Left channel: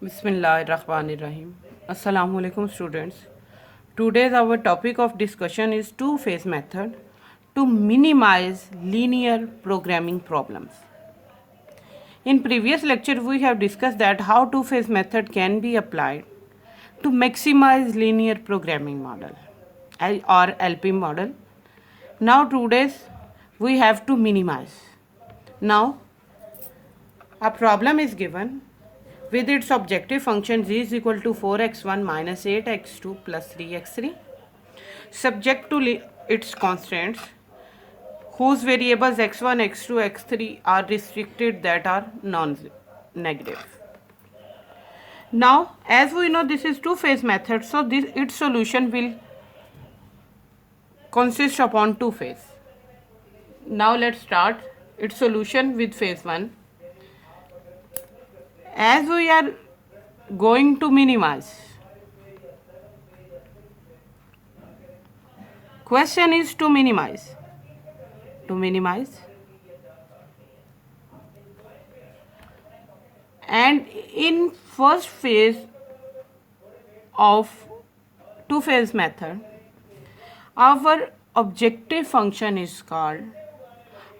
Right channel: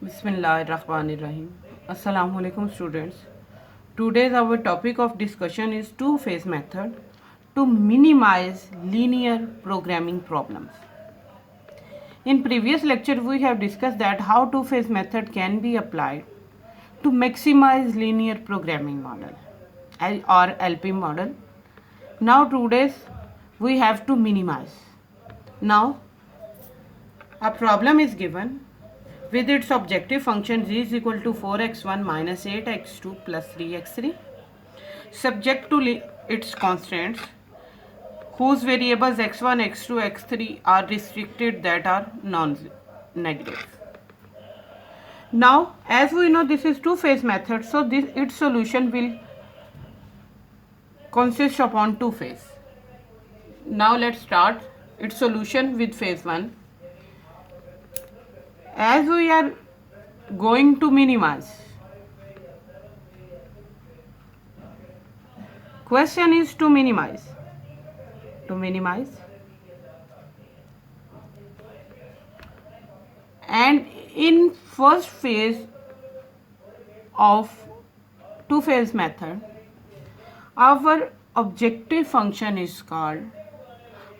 Bismillahirrahmanirrahim. Assalamu alaikum students. Today's our topic of discussion is two-phase method to minimize linear programming problems. In previous lecture we have discussed that how two-phase method can be applied to maximize linear programming model or LP model. Now today's we have to minimize. Now a problem is given with its objective function z is equal to 4x1 minus 8x2 plus 3x3 subject to its constraints whose variables x1, x2, x3 are restricted that are non-negative. Now as we know this is two-phase method, so its solution will consist upon two phase. Now let's start its solution with phase 1. As we are going to minimize, question is to minimize, and in first phase of two-phase method, our objective function is called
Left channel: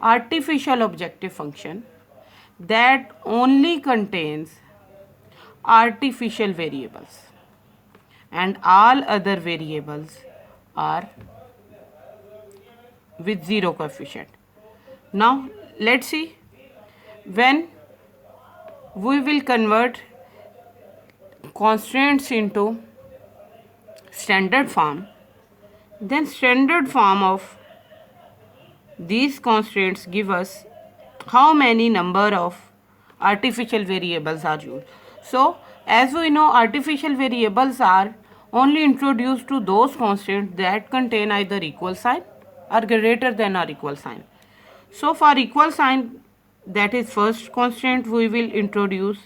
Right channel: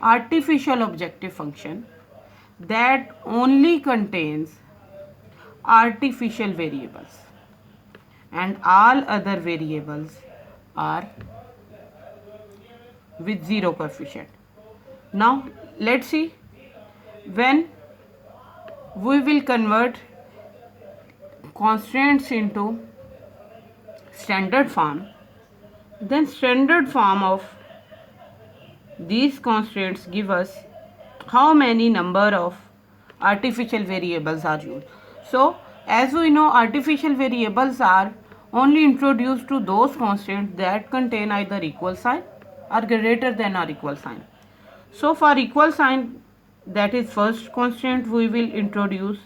artificial objective function that only contains artificial variables and all other variables are with zero coefficient. Now let's see, when we will convert constraints into standard form, then standard form of these constraints give us how many number of artificial variables are used. So as we know, artificial variables are only introduced to those constraints that contain either equal sign or greater than or equal sign. So for equal sign, that is first constraint, we will introduce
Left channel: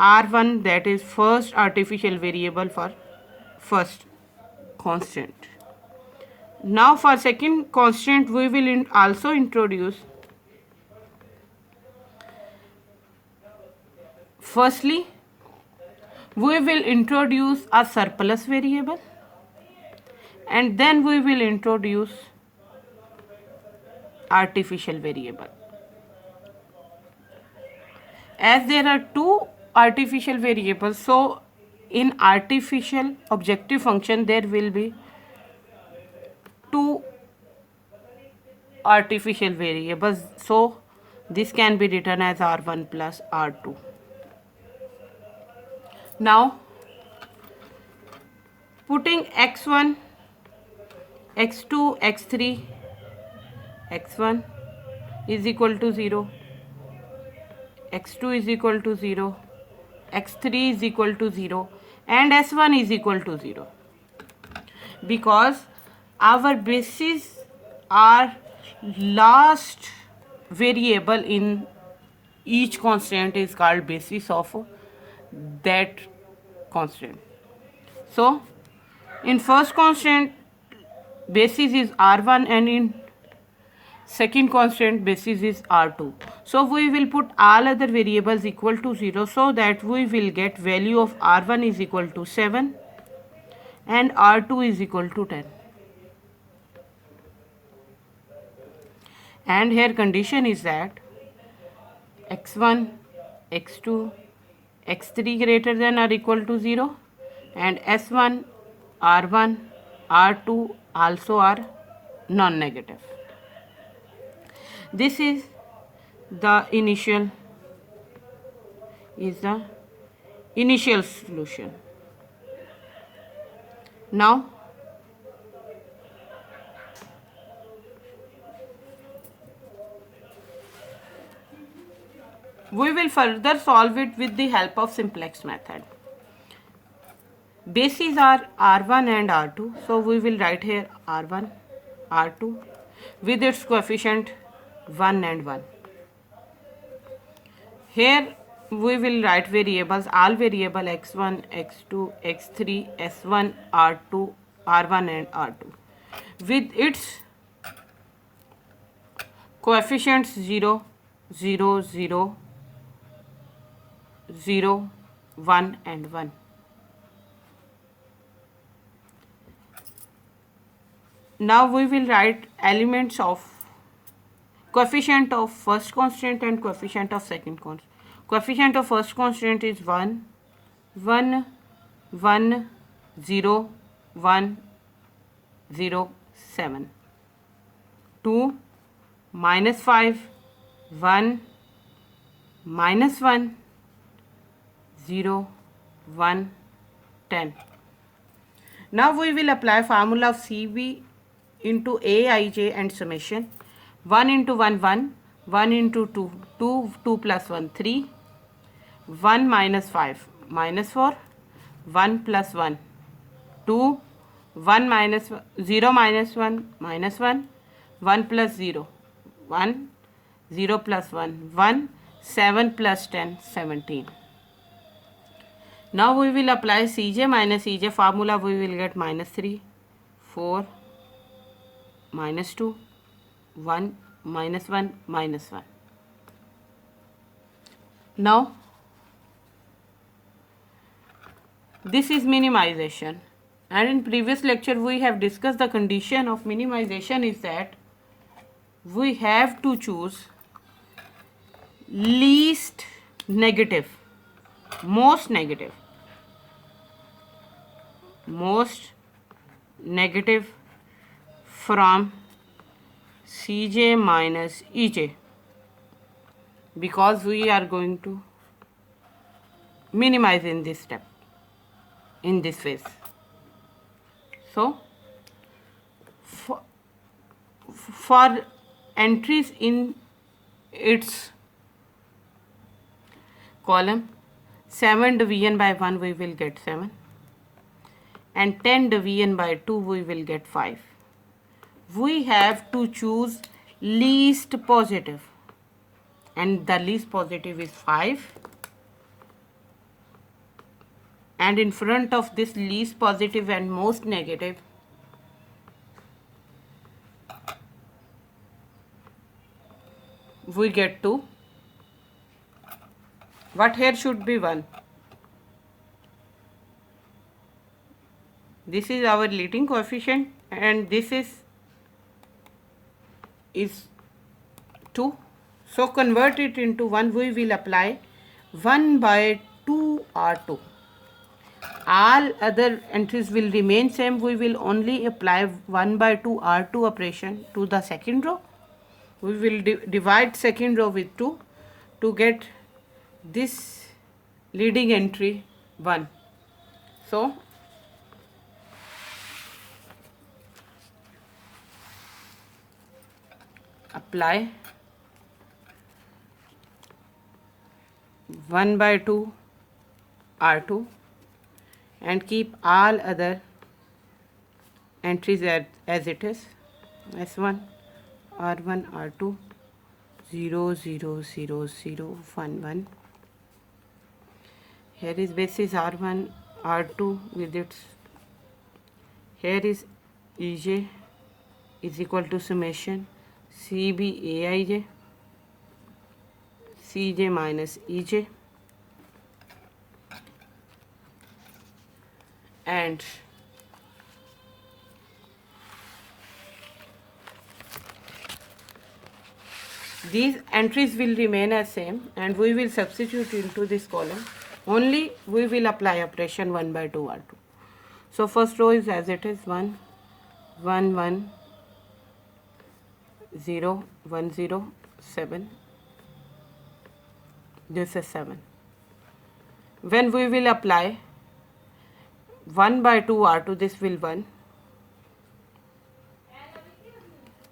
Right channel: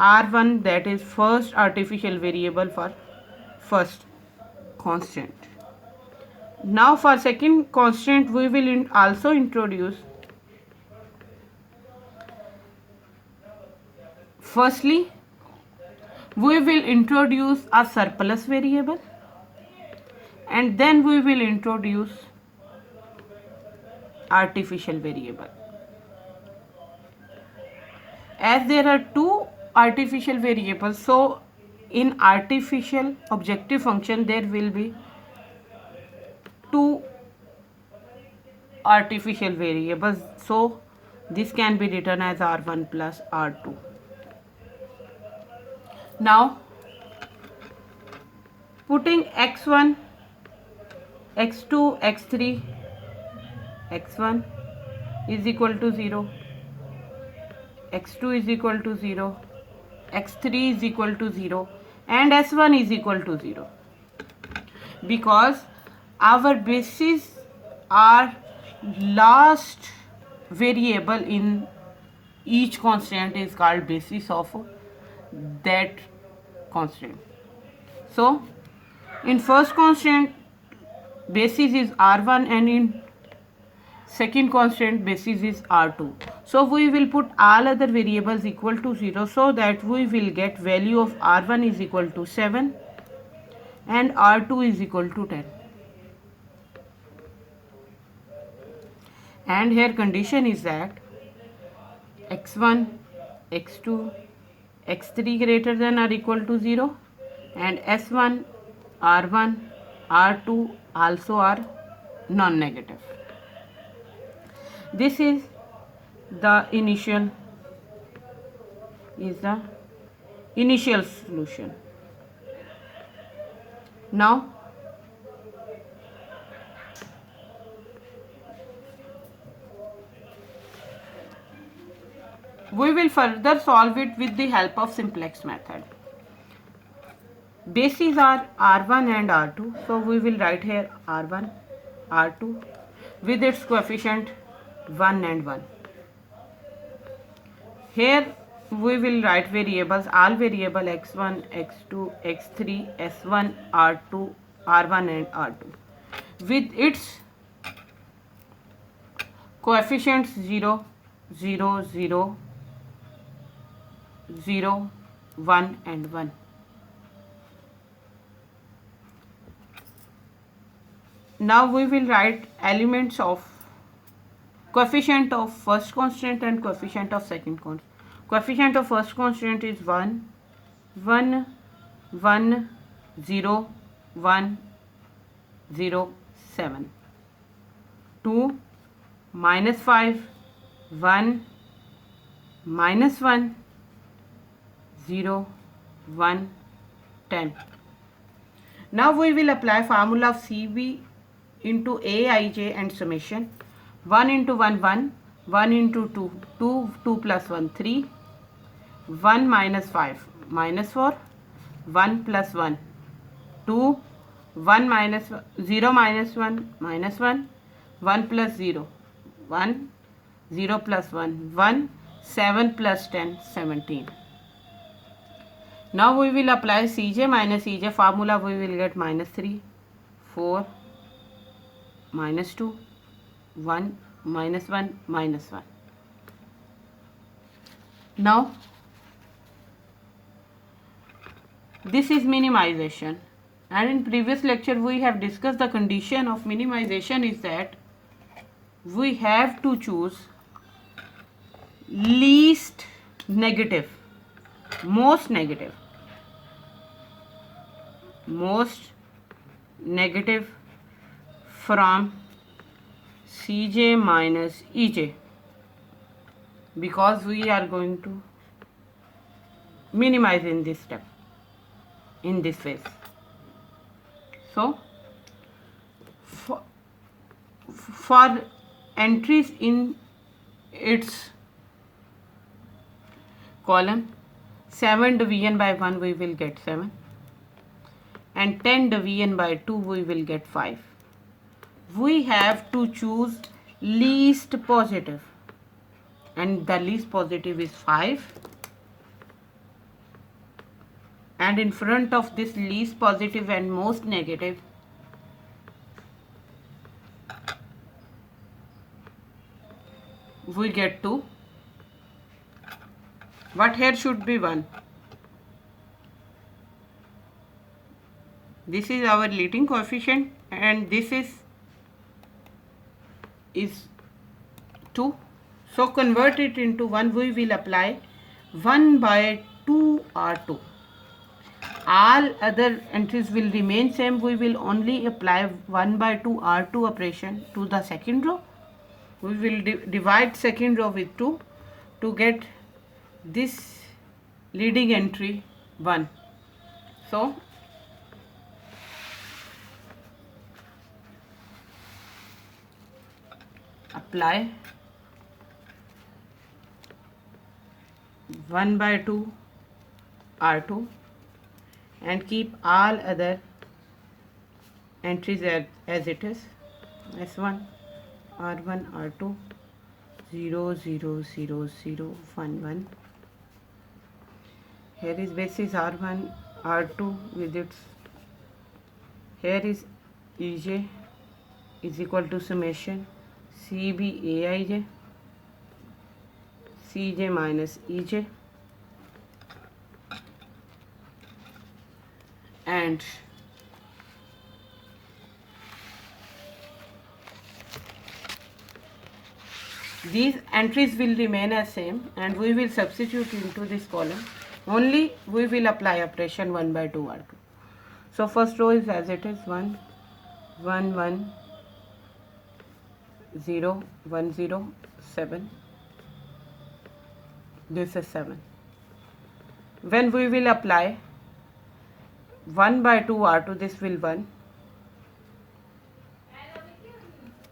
R1, that is first artificial variable for first constraint. Now for second constraint we will also introduce, firstly we will introduce a surplus variable and then we will introduce artificial variable. As there are two artificial variables, so in artificial objective function there will be two artificial variables, so this can be written as R1 plus R2. Now putting x1, x2, x3, x1 is equal to 0, x2 is equal to 0, x3 is equal to 0 and s1 is equal to 0, because our bases are last variable in each constraint is called basis of that constraint. So in first constraint basis is R1 and in second constraint basis is R2. So we will put all other variables equal to 0 so that we will get value of R1 is equal to 7 and R2 is equal to 10. And here condition is that x1, x2, x3 greater than or equal to 0 and s1, r1, r2 also are non-negative. This is the initial solution. Now we will further solve it with the help of simplex method. Bases are R1 and R2, so we will write here R1, R2 with its coefficient 1 and 1. Here we will write variables, all variable x1, x2, x3, s1, r2, r1 and r2 with its coefficients 0, 0, 0, 0, 1 and 1. Now we will write elements of coefficient of first constant and coefficient of second constant. Coefficient of first constant is 1, 1, 1, 0, 1, 0, 7. 2, minus 5, 1, minus 1, 0, 1, 10. Now we will apply formula of CB into Aij and summation. 1 into 1, 1, 1 into 2, 2, 2 plus 1, 3, 1 minus 5, minus 4, 1 plus 1, 2, 1 minus 0 minus 1, minus 1, 1 plus 0, 1, 0 plus 1, 1, 7 plus 10, 17. Now we will apply Cj minus Ej formula. We will get minus 3, 4, minus 2, 1, minus 1, minus 1. Now this is minimization, and in previous lecture we have discussed the condition of minimization is that we have to choose least negative, most negative from Cj minus Ej, because we are going to minimize in this step, in this phase. So for entries in its column, 7 division by 1 we will get 7, and 10 division by 2 we will get 5. We have to choose least positive, and the least positive is 5, and in front of this least positive and most negative we get 2. What here should be 1? This is our leading coefficient, and this is 2. So convert it into 1. We will apply 1 by 2 R2. All other entries will remain same. We will only apply 1 by 2 R2 operation to the second row. We will divide second row with 2 to get this leading entry 1. So apply 1 by 2 R2 and keep all other entries as it is. S1, R1, R2, 0, 0, 0, 0, 1, 1. Here is basis R1, R2 with its, here is Ej is equal to summation CB Aij, Cj minus Ej, and these entries will remain as same, and we will substitute into this column. Only we will apply operation 1 by 2 R2. So first row is as it is 1, 1, 1, 0, 1, 0, 7. This is 7. When we will apply 1 by 2 R2, this will 1,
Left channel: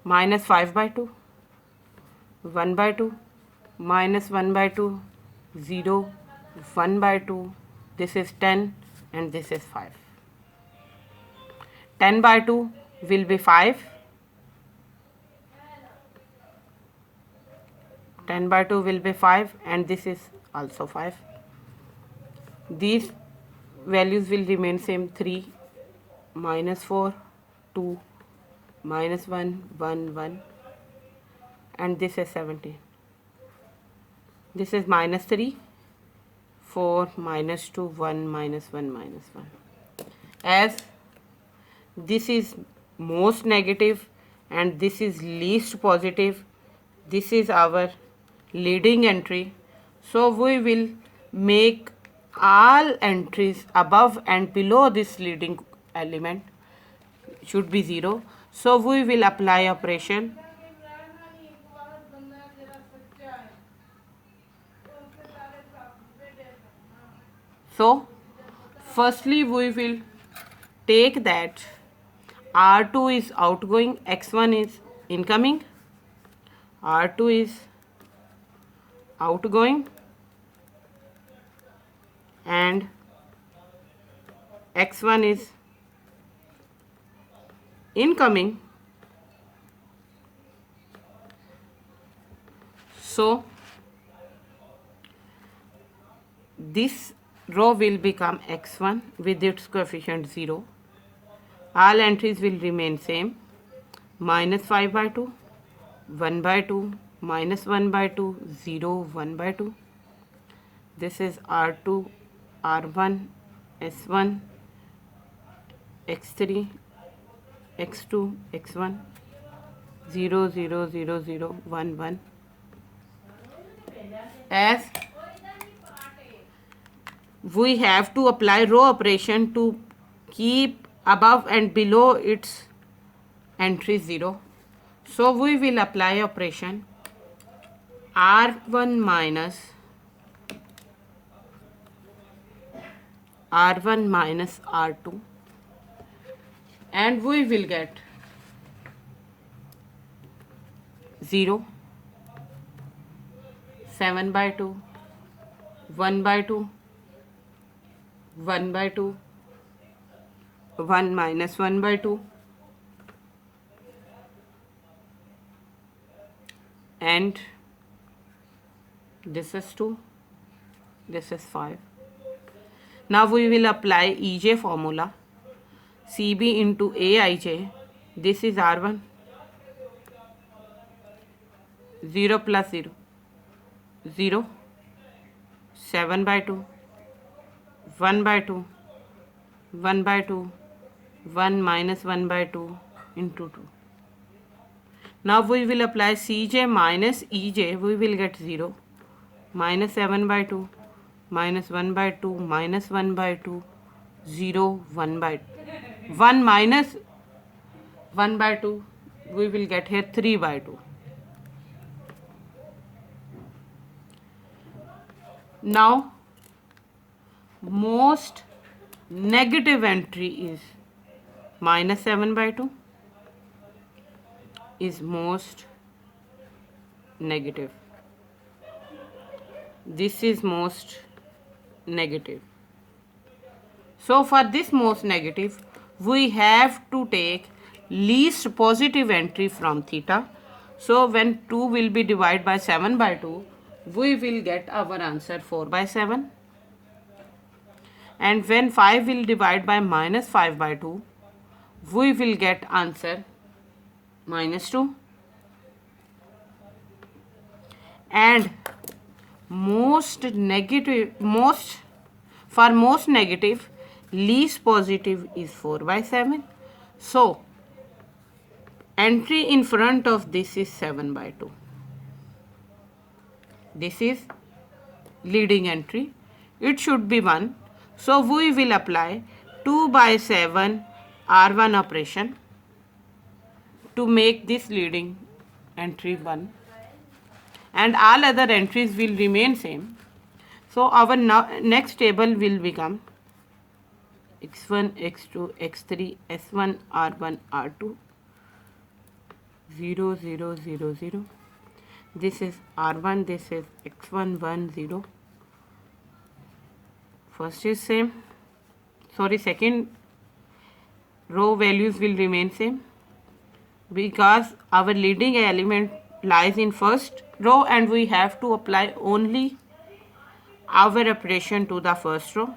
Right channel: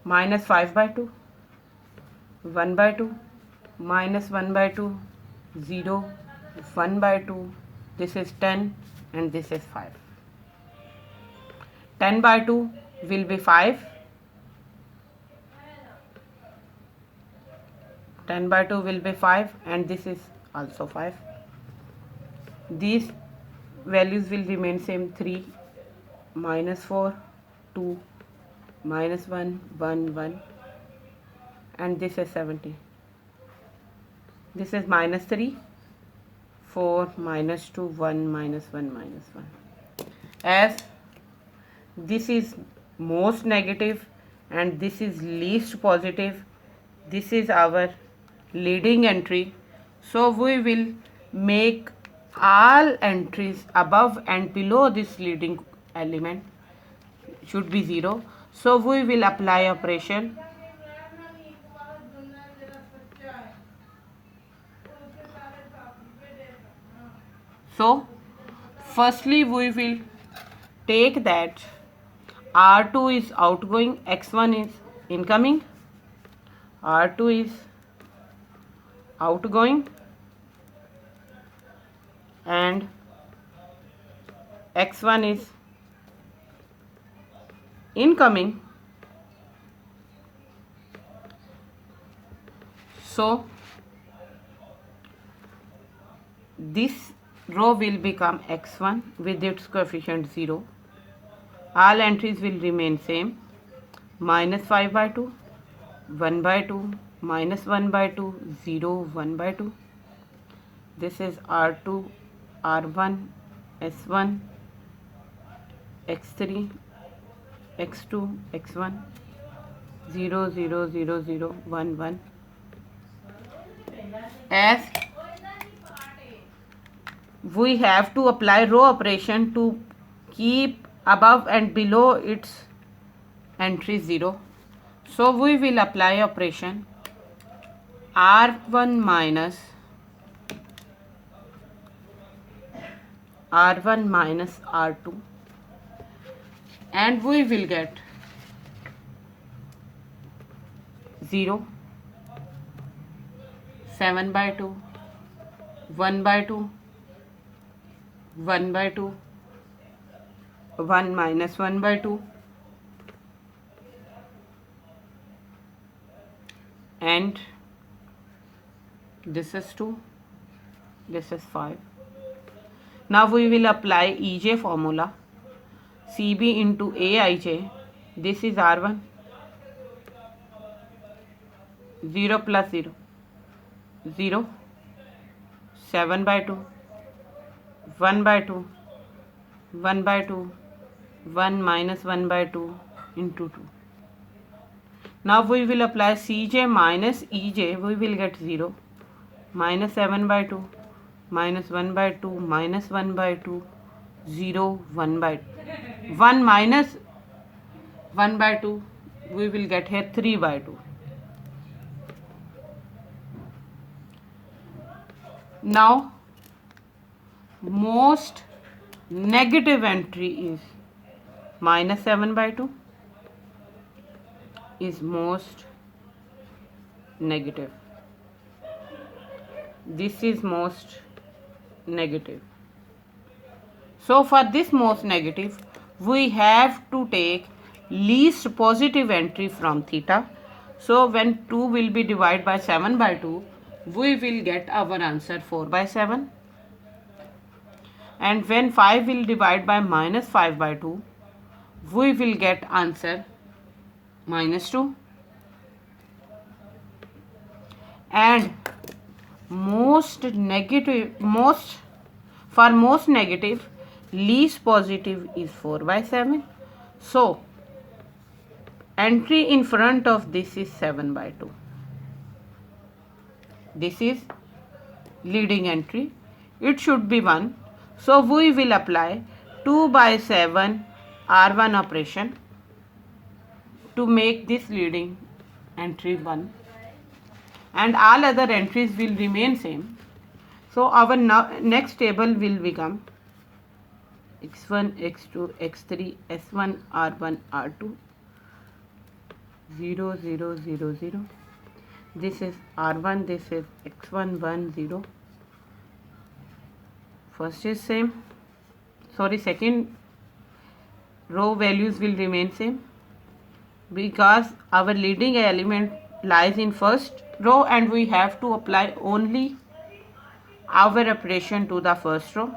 minus 5 by 2, 1 by 2, minus 1 by 2, 0, 1 by 2, this is 10, and this is 5. 10 by 2 will be 5, 10 by 2 will be 5, and this is also 5. These values will remain same, 3, minus 4, 2, minus 1, 1, 1, and this is 17. This is minus 3, 4 minus 2 1 minus 1 minus 1. As this is most negative and this is least positive, this is our leading entry, so we will make all entries above and below this leading element should be 0. So we will apply operation. So firstly we will take that R2 is outgoing, X1 is incoming, R2 is outgoing and X1 is incoming. So this row will become X1 with its coefficient 0. All entries will remain same. Minus 5 by 2, 1 by 2, minus 1 by 2, 0, 1 by 2. This is R2, R1, S1, X3, X2, X1, 0, 0, 0, 0, 1, 1. As we have to apply row operation to keep above and below its entry 0. So we will apply operation R1 minus R2 and we will get 0, 7 by 2, 1 by 2, 1 by 2, 1 minus 1 by 2 and this is 2, this is 5. Now we will apply EJ formula, CB into AIJ. This is R1, 0 plus 0, 0, 7 by 2, 1 by 2, 1 by 2, 1 minus 1 by 2 into 2. Now we will apply CJ minus EJ, we will get 0, minus 7 by 2, minus 1 by 2, minus 1 by 2, 0, 1 by 2. 1 minus 1 by 2, we will get here 3 by 2. Now most negative entry is minus 7 by 2 is most negative. This is most negative. So for this most negative, we have to take least positive entry from theta. So when 2 will be divided by 7 by 2, we will get our answer 4 by 7. And when 5 will divide by minus 5 by 2, we will get answer minus 2. And most negative, for most negative, least positive is 4 by 7. So entry in front of this is 7 by 2. This is leading entry. It should be 1. So we will apply 2 by 7 R1 operation to make this leading entry 1. And all other entries will remain same. So our next table will become x1, x2, x3, s1, r1, r2, 0, 0, 0, 0. This is r1, this is x1, 1, 0. First is same. Sorry, second row values will remain same because our leading element lies in first row and we have to apply only our operation to the first row.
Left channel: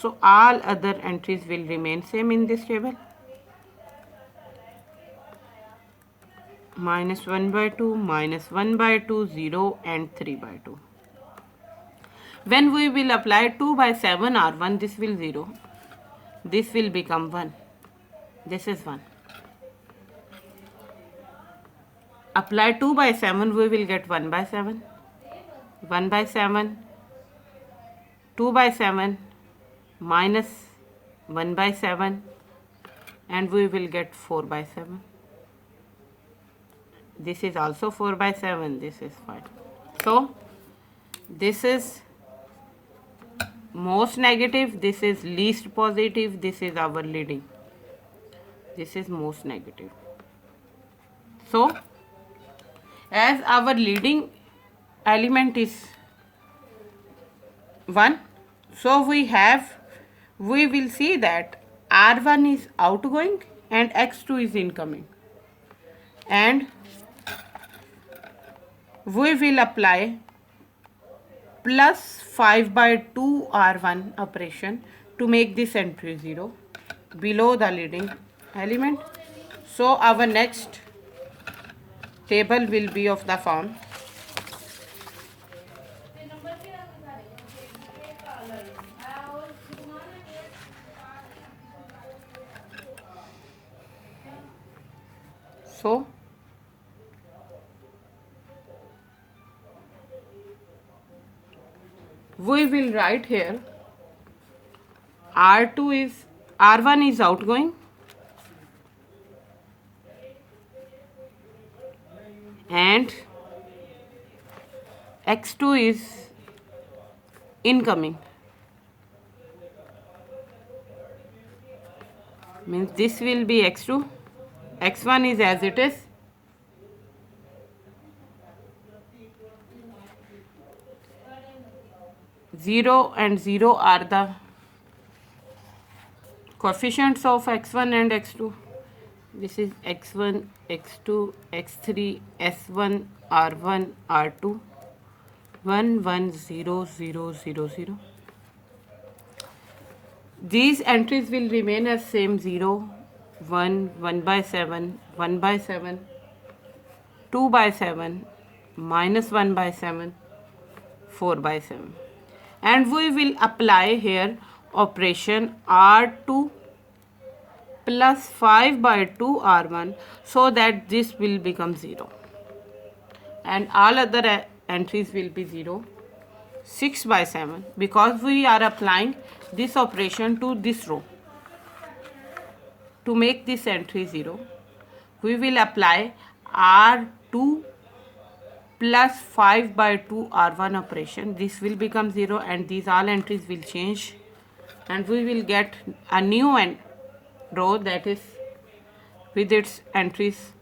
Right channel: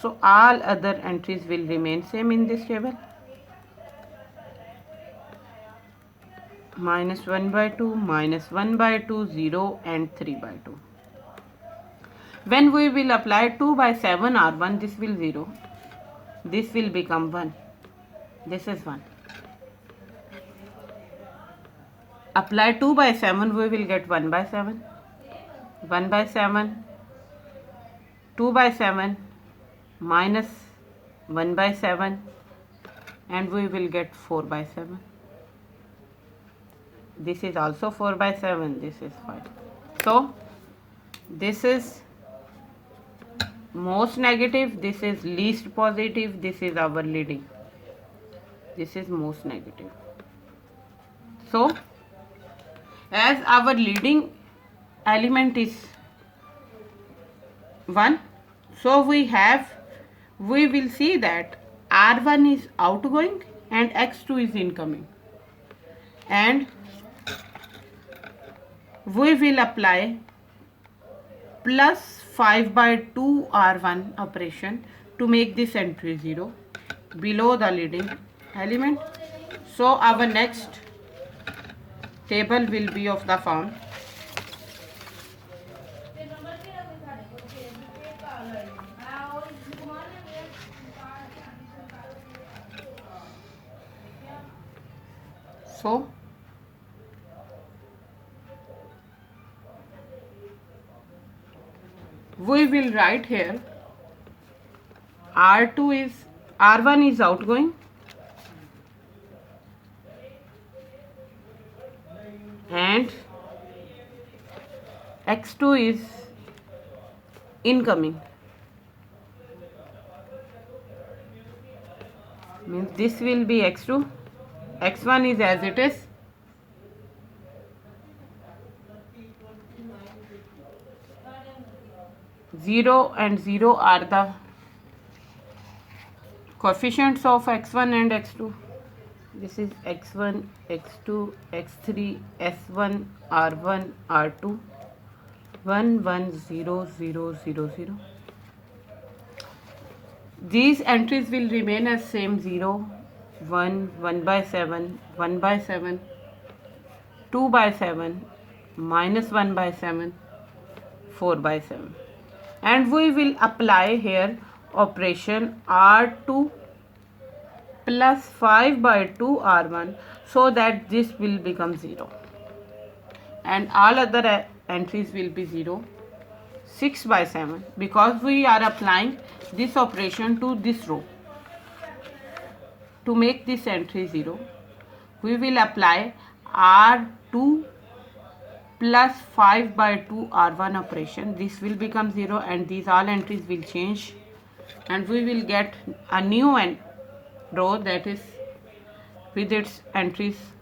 So all other entries will remain same in this table. Minus 1 by 2, minus 1 by 2, 0 and 3 by 2. When we will apply 2 by 7 R1, this will 0. This will become 1. This is 1. Apply 2 by 7, we will get 1 by 7. 1 by 7. 2 by 7 minus 1 by 7, and we will get 4 by 7. This is also 4 by 7, this is 5. So this is most negative, this is least positive, this is our leading. This is most negative. So as our leading element is 1, so we will see that R1 is outgoing and X2 is incoming, and we will apply plus 5 by 2 R1 operation to make this entry 0 below the leading element. So our next table will be of the form so we will write here R1 is outgoing and X2 is incoming. Means this will be X2, X1 is as it is, zero and 0 are the coefficients of X1 and X2. This is X1, X2, X3, S1, R1, R2, 1, 1, 0, 0, 0, 0. These entries will remain as same 0, 1, 1 by 7, 1 by 7, 2 by 7, minus 1 by 7, 4 by 7. And we will apply here operation R2 plus 5 by 2 R1 so that this will become 0. And all other entries will be 0. 6 by 7 because we are applying this operation to this row. To make this entry 0, we will apply R2 plus 5 by 2 R1 operation. This will become 0 and these all entries will change, and we will get a new row that is with its entries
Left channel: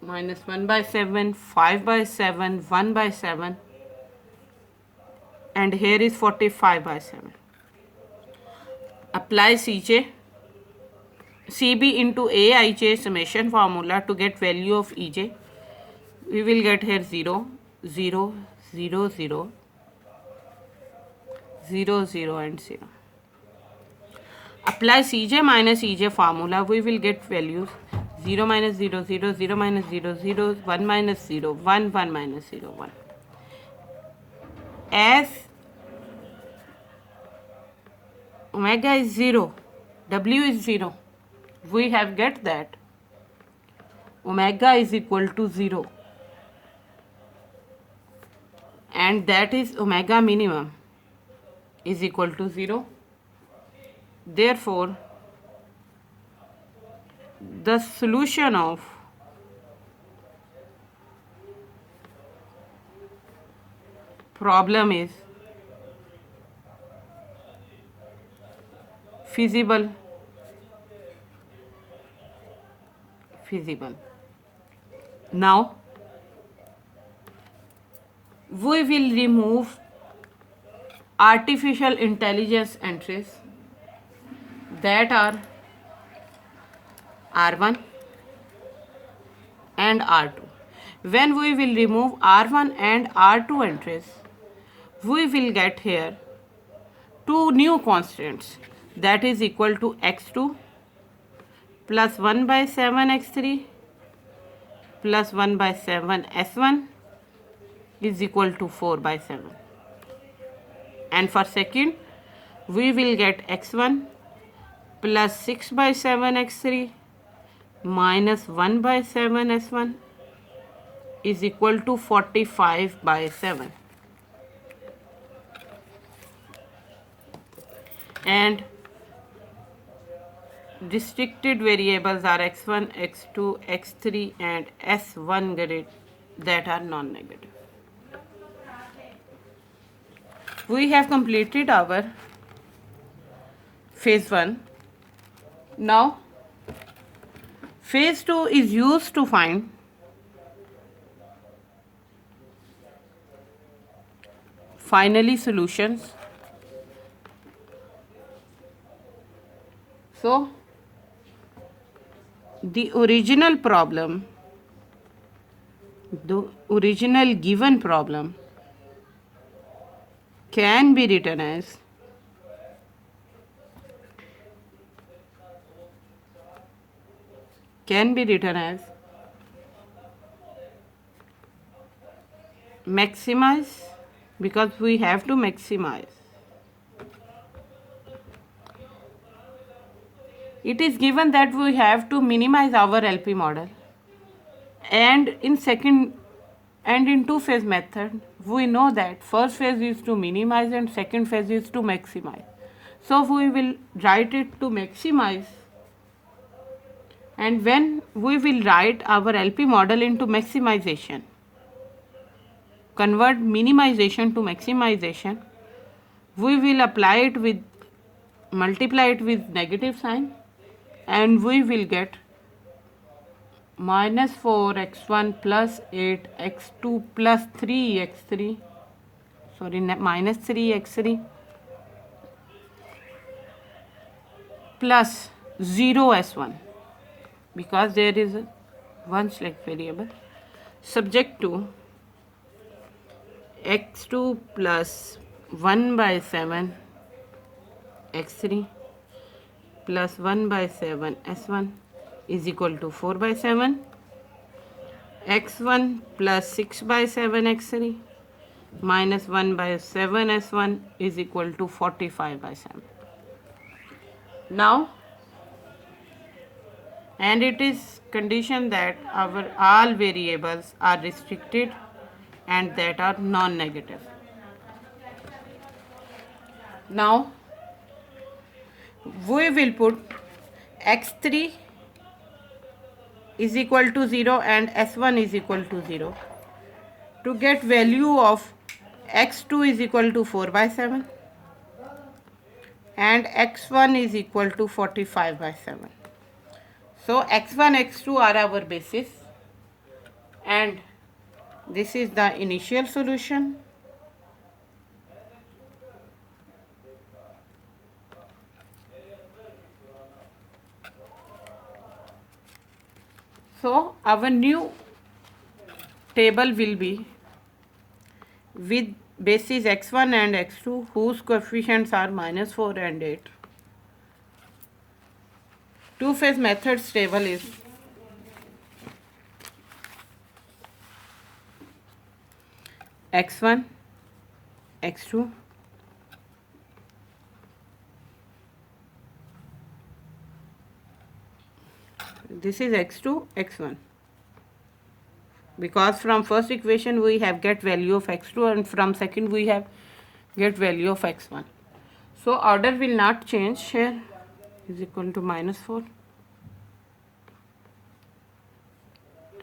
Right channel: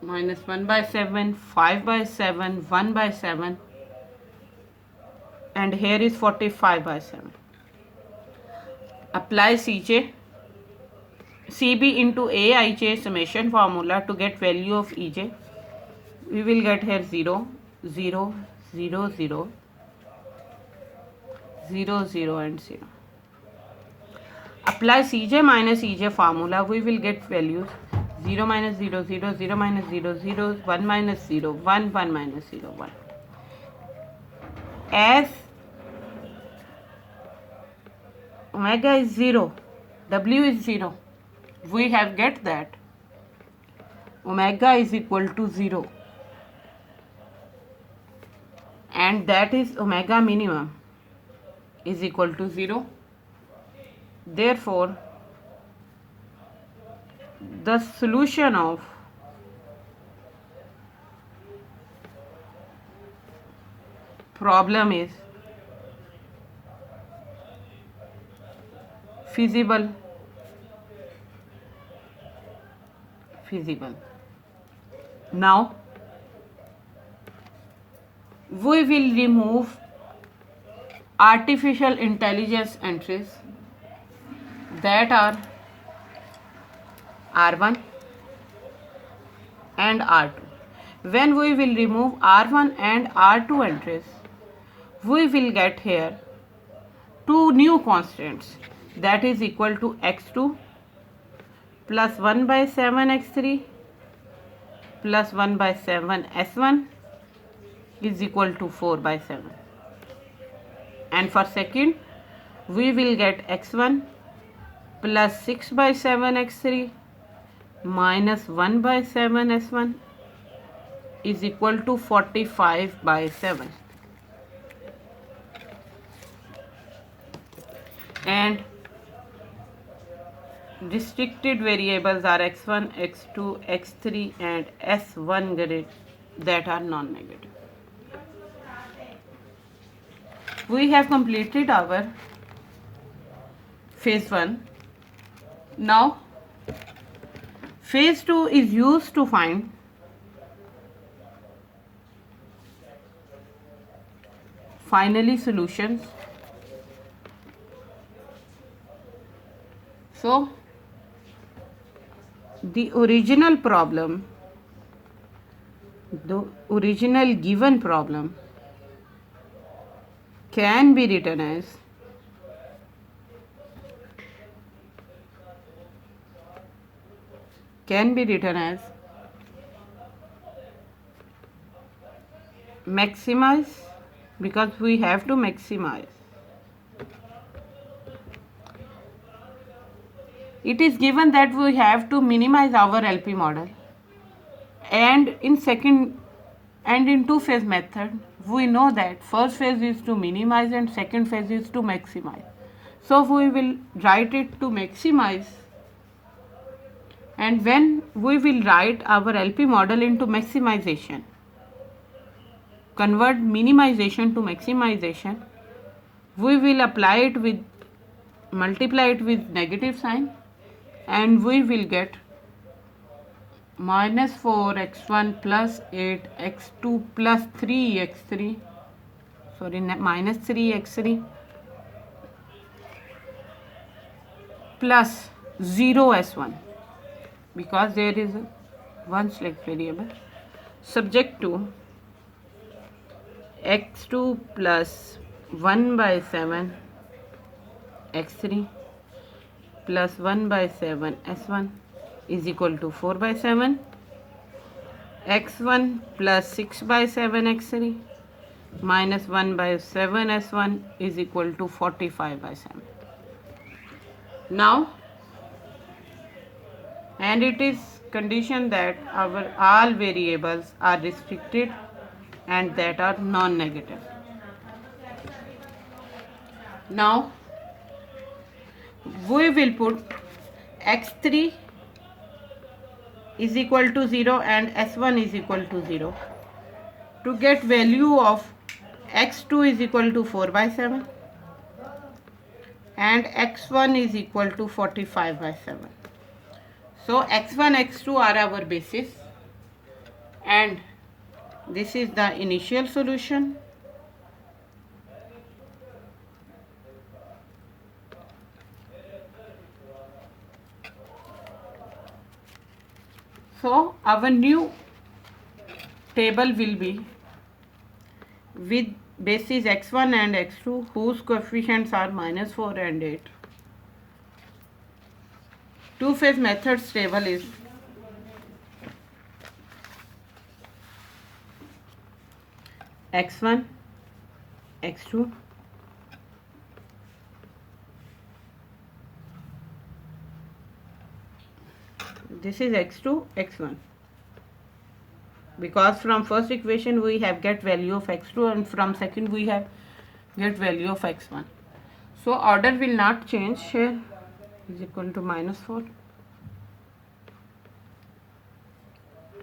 minus 1 by 7, 5 by 7, 1 by 7, and here is 45 by 7. Apply CB into Aij summation formula to get value of Ej. We will get here 0, 0, 0, 0, 0, 0 and 0. Apply Cj minus Ej formula, we will get values 0 minus 0, 0, 0 minus 0, 0, 1 minus 0, 1, 1 minus 0, 1. As omega is 0, W is 0, we have get that omega is equal to 0, and that is omega minimum is equal to 0. Therefore, the solution of problem is feasible. Now we will remove artificial intelligence entries that are R1 and R2. When we will remove R1 and R2 entries, we will get here two new constants, that is equal to X2 plus 1 by 7 X3 plus 1 by 7 S1 is equal to 4 by 7. and for second we will get x1 plus 6 by 7 x3 minus 1 by 7 s1 is equal to 45 by 7, and restricted variables are x1, x2, x3 and s1 grid that are non-negative. We have completed our phase 1. Now phase 2 is used to find finally solutions. So the original given problem can be written as maximize, because we have to maximize. It is given that we have to minimize our LP model, and in two-phase method we know that first phase is to minimize and second phase is to maximize. So we will write it to maximize, and when we will write our LP model into maximization, convert minimization to maximization, we will multiply it with negative sign, and we will get minus 4x1 plus 8x2 plus 3x3, minus 3x3 plus 0s1, because there is one select variable, subject to x2 plus 1 by 7 x3 plus 1 by 7 s1 is equal to 4 by 7, x1 plus 6 by 7 x3 minus 1 by 7 s1 is equal to 45 by 7. Now, and it is condition that our all variables are restricted and that are non-negative. Now we will put x3 is equal to 0 and s1 is equal to 0 to get value of x2 is equal to 4 by 7 and x1 is equal to 45 by 7. So x1, x2 are our basis, and this is the initial solution. So our new table will be with basis x1 and x2 whose coefficients are minus 4 and 8. Two-phase methods table is x1, x2, this is x2, x1, because from first equation we have get value of x2 and from second we have get value of x1. So order will not change here, is equal to minus 4,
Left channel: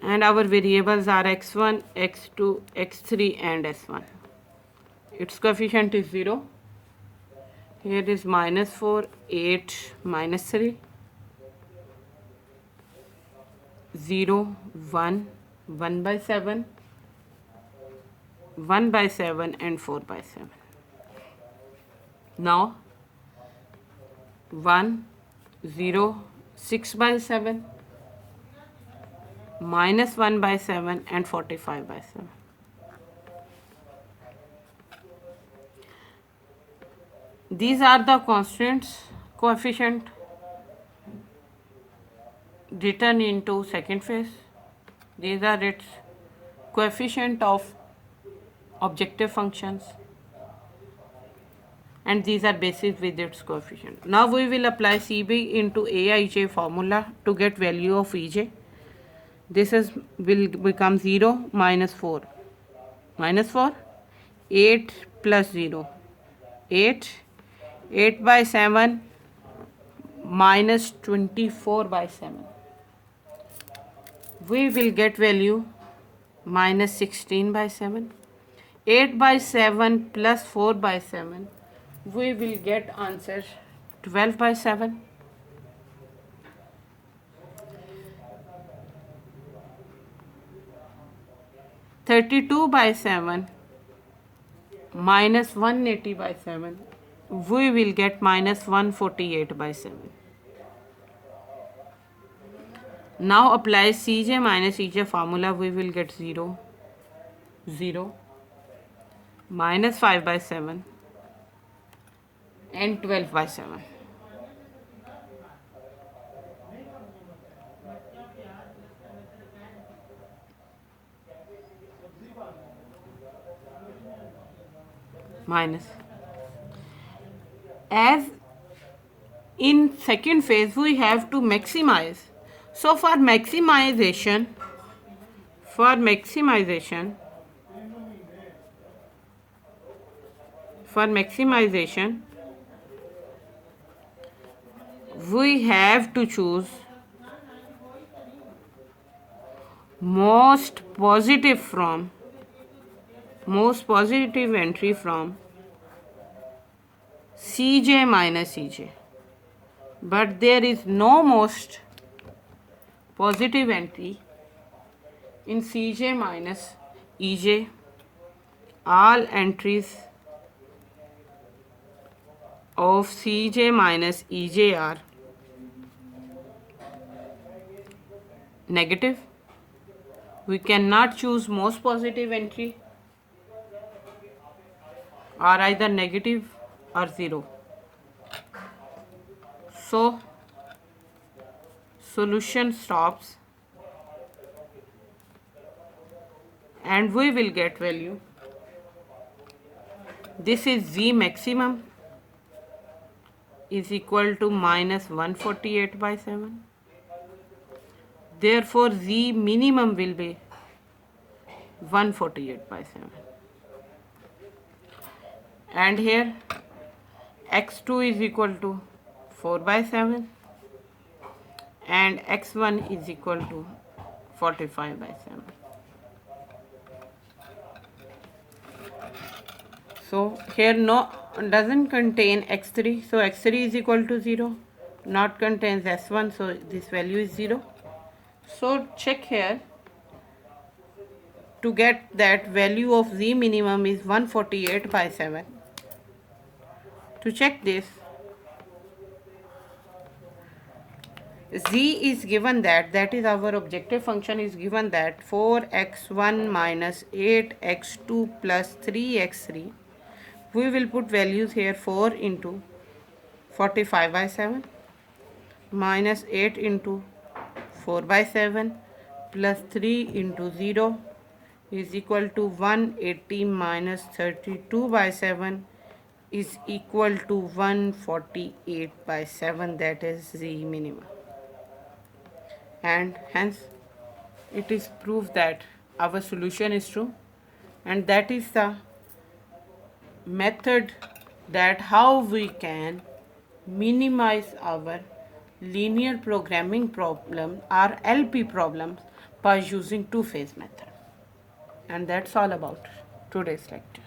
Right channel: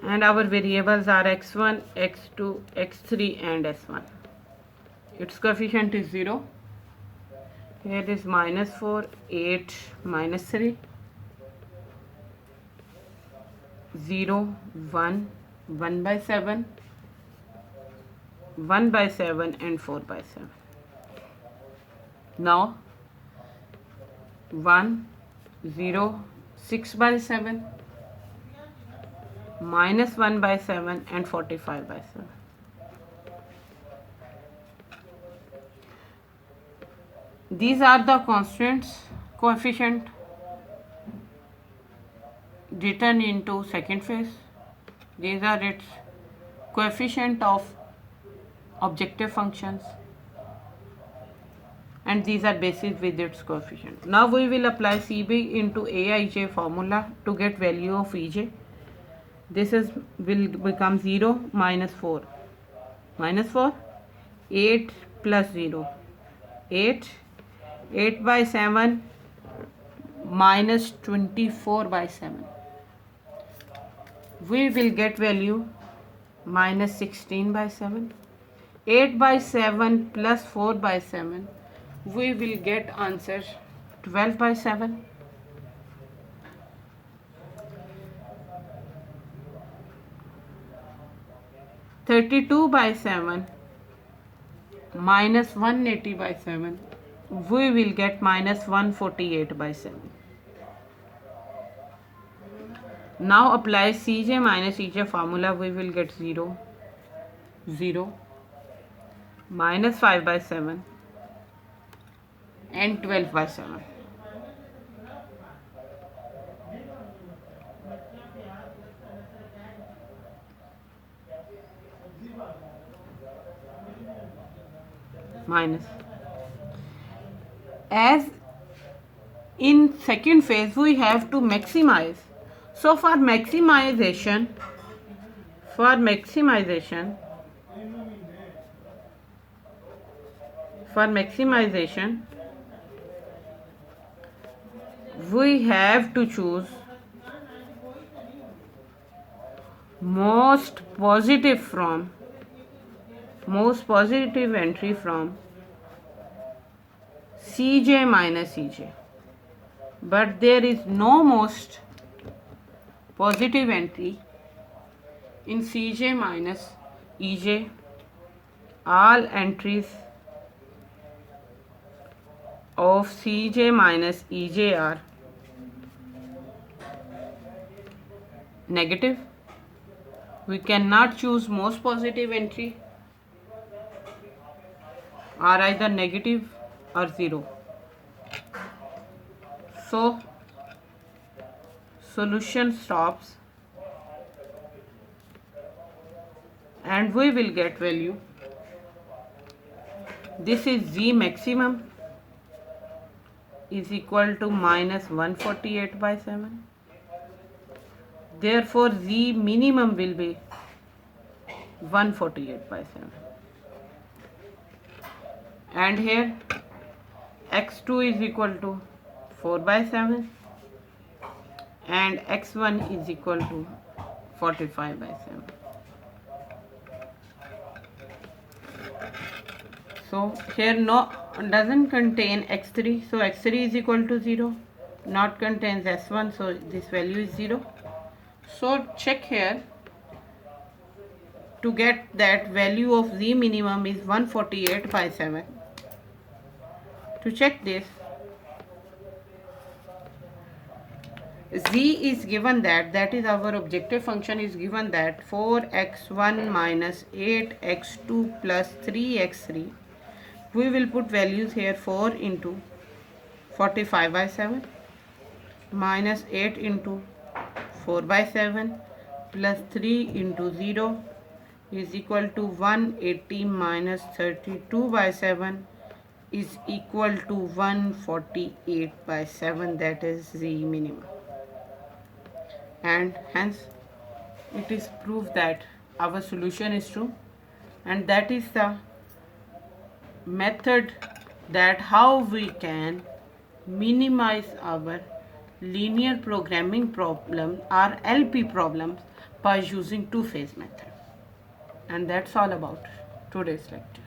and our variables are x1, x2, x3 and s1. Its coefficient is 0. Here is minus 4, 8, minus 3, 0, 1, 1 by 7, 1 by 7 and 4 by 7. Now 1, 0, 6 by 7, minus 1 by 7 and 45 by 7. These are the constants, coefficient written into second phase. These are its coefficient of objective functions. and these are basis with its coefficient. Now we will apply CB into Aij formula to get value of Ej. This is will become 0 minus 4. Minus 4, 8 plus 0, 8, 8 by 7 minus 24 by 7. We will get value minus 16 by 7. 8 by 7 plus 4 by 7. We will get answer 12 by 7. 32 by 7 minus 180 by 7. We will get minus 148 by 7. Now apply Cj minus Ej formula. We will get 0, 0, minus 5 by 7 and 12 by 7. Minus. As in second phase we have to maximize. So for maximization, we have to choose most positive entry from Cj minus Ej. But there is no most positive entry in Cj minus Ej. All entries of Cj minus Ej are negative. We cannot choose most positive entry, or either negative or 0. So solution stops and we will get value. This is Z maximum is equal to minus 148 by 7. Therefore Z minimum will be 148 by 7. And here x2 is equal to 4 by 7 and x1 is equal to 45 by 7. So here no doesn't contain x3, so x3 is equal to 0. Not contains s1, so this value is 0. So check here to get that value of Z minimum is 148 by 7. To check this, Z is given that is our objective function is given that 4x1 minus 8x2 plus 3x3. We will put values here 4 into 45 by 7 minus 8 into 4 by 7 plus 3 into 0 is equal to 180 minus 32 by 7 is equal to 148 by 7, that is Z minimum. And hence it is proved that our solution is true, and that is the method that how we can minimize our linear programming problem or LP problems by using two-phase method. And that's all about today's lecture.